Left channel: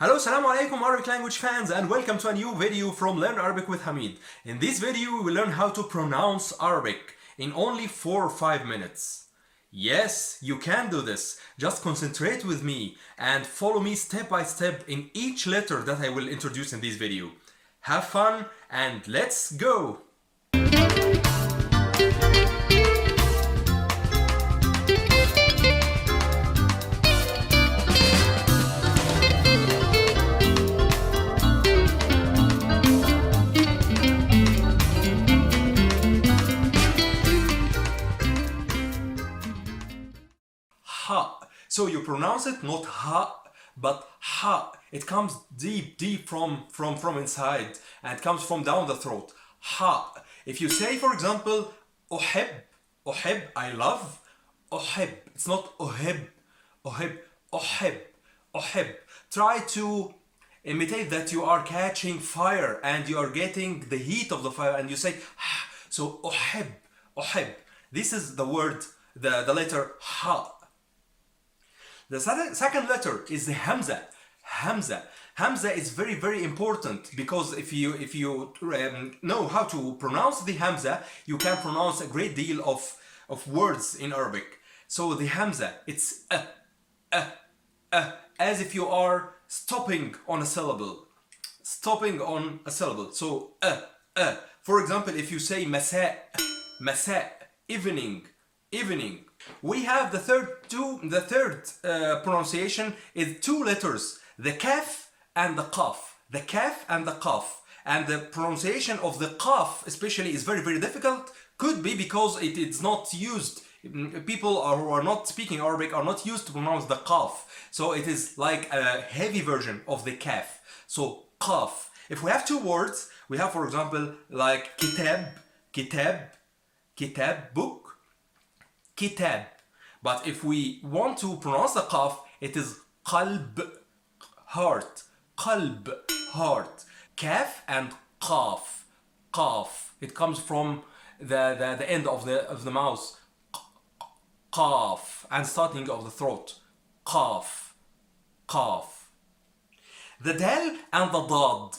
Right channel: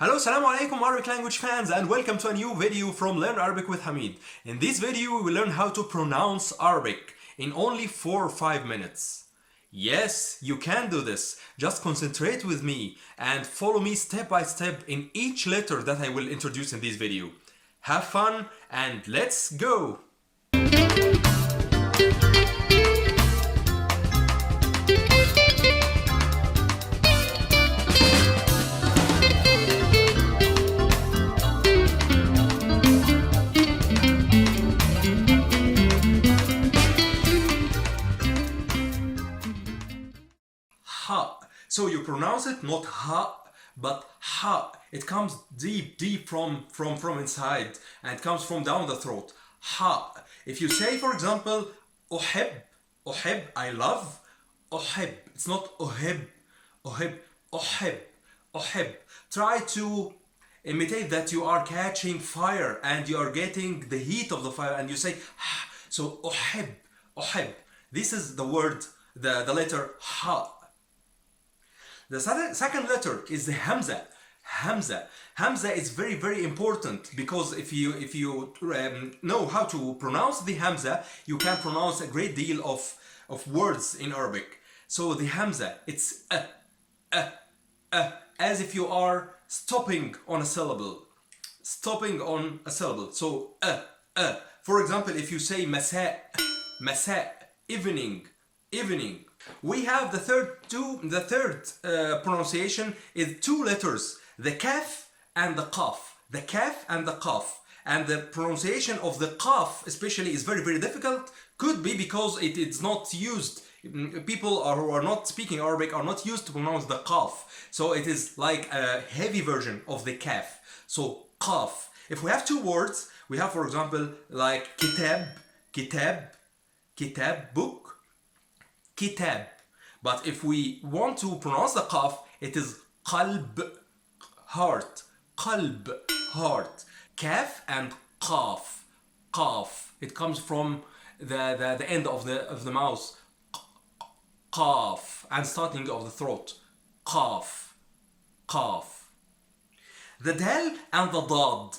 Hello, Assalamu alaikum Arabic language fans, and welcome to a new video from Learn Arabic with Hamid. In this video we will learn how to pronounce Arabic in only 4 or 5 minutes. Yes, you can do this. Just concentrate with me and follow me step by step in each letter that I will introduce in this video. Have fun and let's go! Ha. So you pronounce it not ha, but ha. It comes deep from inside, and it comes from down the throat. Ha. If you say, for example, uhib, I love, uhib. It's not uhib, uhib. Try to imitate that you are catching fire and you are getting the heat of the fire, and you say ha. So uhib. This is the word, the letter ha. The second letter is the Hamza. Hamza is very important, because if you know how to pronounce the Hamza, you can pronounce a great deal of words in Arabic. So the Hamza, it's as if you are stopping on a syllable. So For example, if you say masa, evening. We have the third pronunciation is 2 letters, the Kaaf and the Kaaf. The Kaaf and the Kaaf. And the pronunciation of the Kaaf especially is very difficult. Could be because it's not used. People who are not speaking Arabic are not used to pronounce the Kaaf. So it is like a heavy version of the Kaaf. So Kaaf. If we have 2 words, we have, for example, like kitab, book, kitab. But if we want to pronounce the Kaaf, it is qalb, heart. Kaaf and Kaaf. It comes from the end of the mouth. Kaaf, and starting of the throat. Kaaf. The dal and the dad.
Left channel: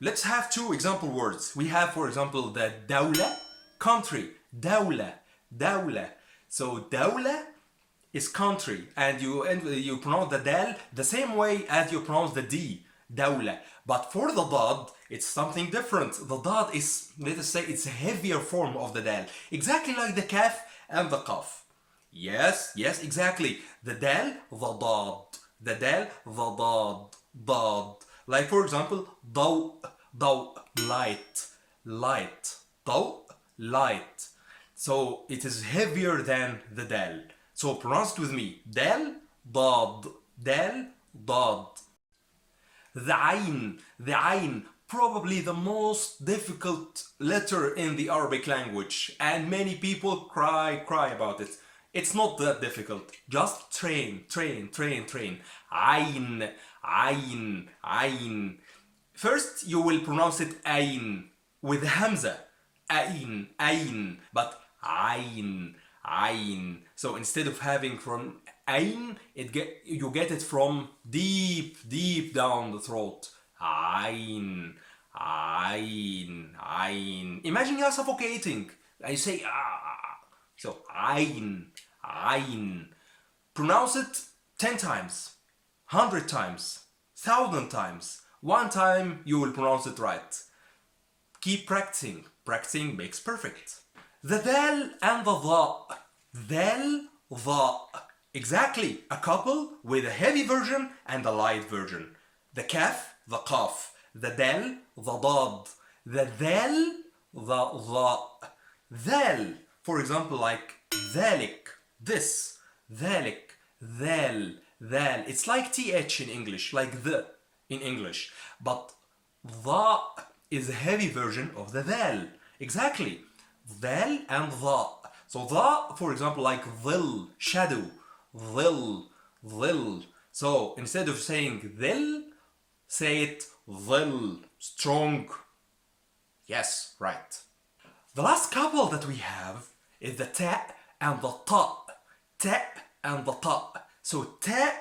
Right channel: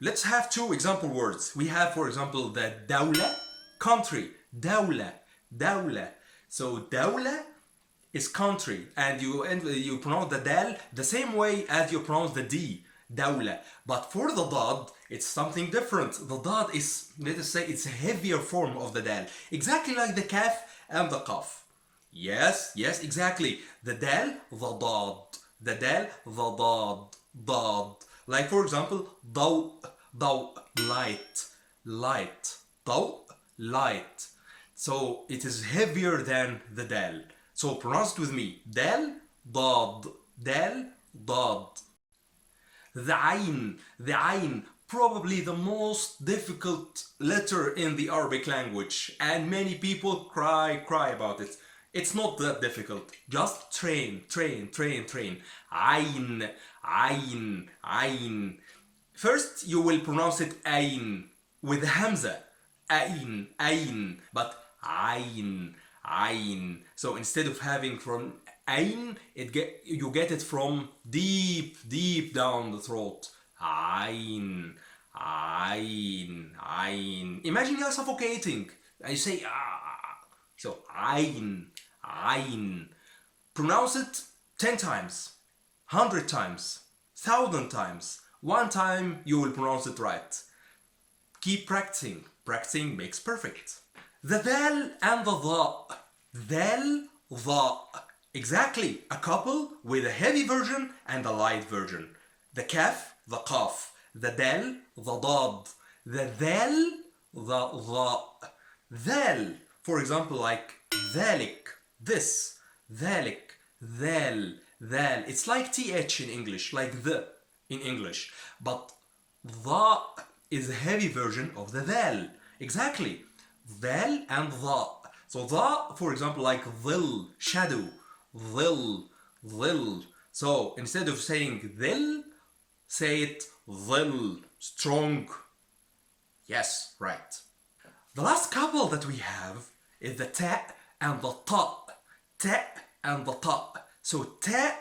Let's have 2 example words. We have, for example, the dawla, country. Dawla. So dawla is country, and you pronounce the dal the same way as you pronounce the d, dawla. But for the dad, it's something different. The dad is, let us say, it's a heavier form of the dal, exactly like the kaf and the qaf. Yes, exactly. The dal, the dad. Dad. Like, for example, daw, light. Daw, light. So it is heavier than the dal. So pronounce it with me. Dal, dad. The ayn, probably the most difficult letter in the Arabic language, and many people cry about it. It's not that difficult. Just train. Ayn. First you will pronounce it ayn with Hamza. Ayn, but ayn. So instead of having from ayn, you get it from deep down the throat. Ayn. Imagine you are suffocating and you say ah. So ayn. Pronounce it 10 times, 100 times, 1,000 times. 1 time you will pronounce it right. Keep practicing. Practicing makes perfect. The dal and the dha. Exactly, a couple with a heavy version and a light version. The kaf, the qaf. The dal, the dad. The dal, the dha. Dal, for example, like dhalik, this. Dhalik, dhal. It's like th in English, like the in English. But dha is a heavy version of the dal. Exactly. Dal and dha. So dha, for example, like dhil, shadow. Dhil. So instead of saying dhil, say it dhil, strong. Yes, right. The last couple that we have is the ta and the ta. Ta and the ta. So ta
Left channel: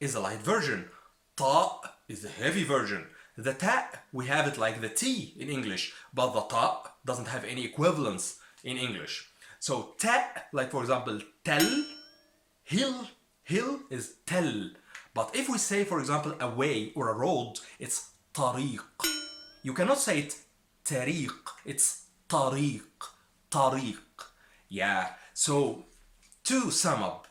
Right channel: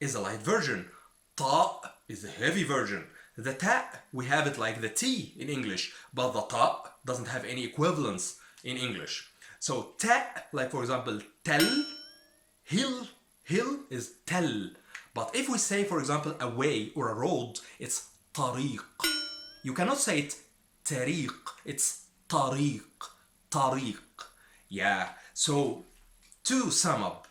is a light version. Ta is the heavy version. The ta, we have it like the T in English, but the ta doesn't have any equivalence in English. So ta, like for example, tel, hill is tel. But if we say, for example, a way or a road, it's tariq. You cannot say it tariq, it's tariq, tariq. Yeah, so to sum up,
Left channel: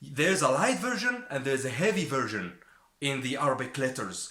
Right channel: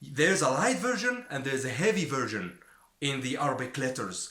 there's a light version and there's a heavy version in the Arabic letters.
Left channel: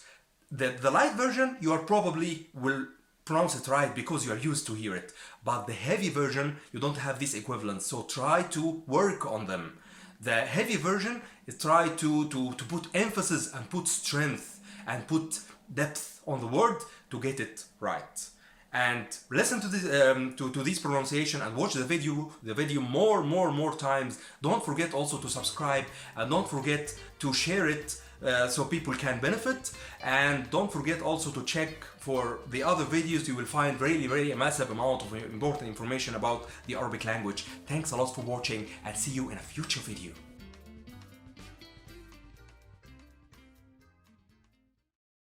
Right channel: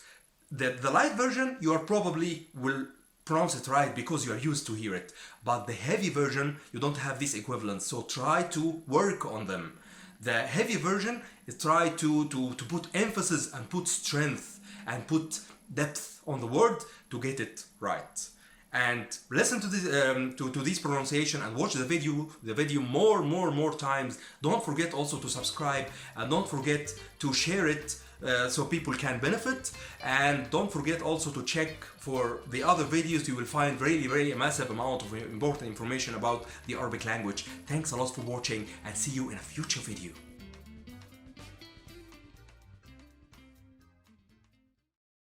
The light version, you are probably will pronounce it right because you are used to hear it. But the heavy version, you don't have this equivalent, so try to work on them. The heavy version is try to put emphasis and put strength and put depth on the word to get it right. And listen to this to this pronunciation and watch the video more times. Don't forget also to subscribe and don't forget to share it so people can benefit. And don't forget also to check for the other videos. You will find really a massive amount of important information about the Arabic language. Thanks a lot for watching and see you in a future video.